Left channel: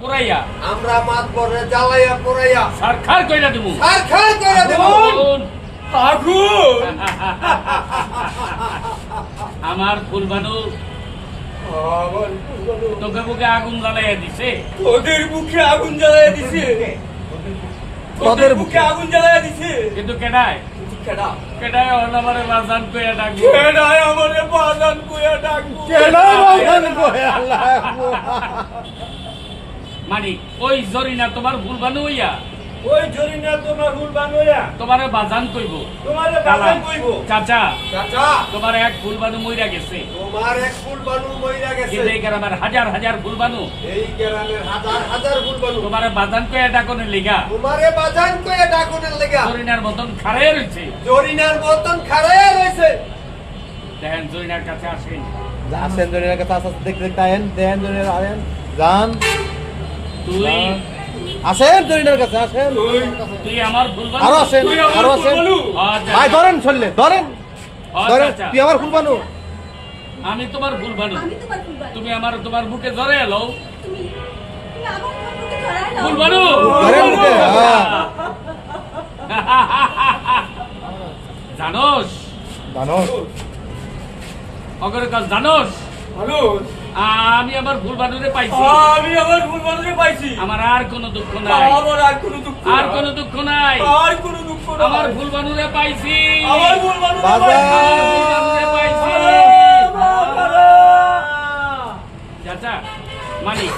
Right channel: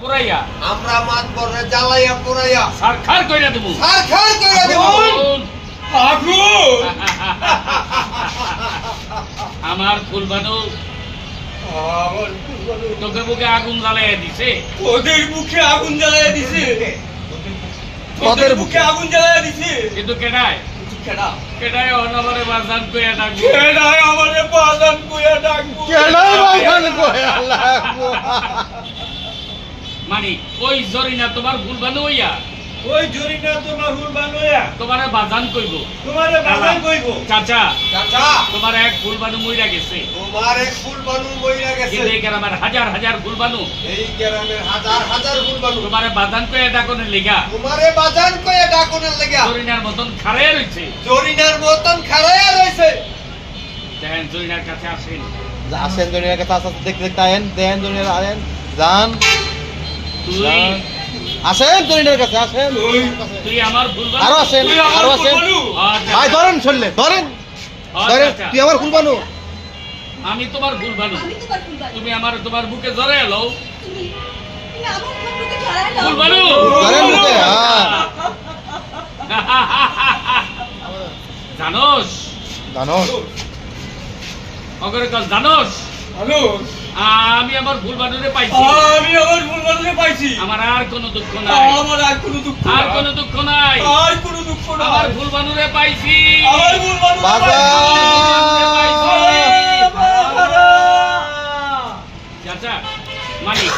পুরাইয়া আমরা মাত পরে জ্বালাইয়া পুরাইয়া সরকার কইরা দেব সরকার কইরা দেব আগুন আমার ফুলবানু আমার ফুলবানু তোকে বুকে আগুন জ্বালাইয়া দিছে তোদের বুকে আগুন জ্বালায় দিছে তোদের বুকে আগুন জ্বালায় দিছে কিন্তু কেডায় কেডা কেডায় অনবরে বাজান কইয়া ডাকবো কেডায় আমারে বাজান কইয়া ডাকবো কেডা বাগান কইয়া লাগবো মানে ওই জরিনা তোমার ফুলবানু হইয়া ওই জরিনা তোমার ফুলবানুয়া তোমারে বাজান কইব তোমারে বাজান কইবো চাচা চাচা তোমার এক ফুলবানু মইরা গেছে তোমার এক ফুলবানু মইরা গেছে কিন্তু এই গ্রামের হাজার হাজার ফুলবানু এই গ্রামের হাজার হাজার ফুলবানু তোমারে বাজান কইয়া ডাকনের লিগা তোমারে বাজান কইয়া ডাকনের লাগা জরিনার মতন খাড়ায় রইছে জরিনার মতন খাড়ায়া রইছে দেখেন জরিনার কাছে আসেন আসেন জরিনার কাছে আসতে দেখতে দেখতে আয়েন দেন জরিনার আয়েন যান তুই আসেন জরিনার কাছে আসেন তুই আমার ফুলবানু আরো আসেন আরো আসেন ভাই ধরেন চললে ধরেন ধরেন তুই আমার ফুলবানু আমি তোমার ফুলবানু আমি তোমার ফুলবানু। তুমি আমার তোমার বুকে জরে এলো তুমি আমার মুখে ধরাই দাও। ফুলবানু ধরেন বুকে হ্যাঁ জানোস জানোস অগরে কাল জানোস হ্যালো আমি আমার ফুলবানুরে পাইছি আমি আমার ফুলবানুকে পাইছি আমার আর কোনো দুঃখ নাই আমার আর কোনো দুঃখ আর কোনো দুঃখ নাই আর কোনো দুঃখ নাই আমার ফুলবানুরে পাইছি আমার ফুলবানু বাজার চাচা মালিক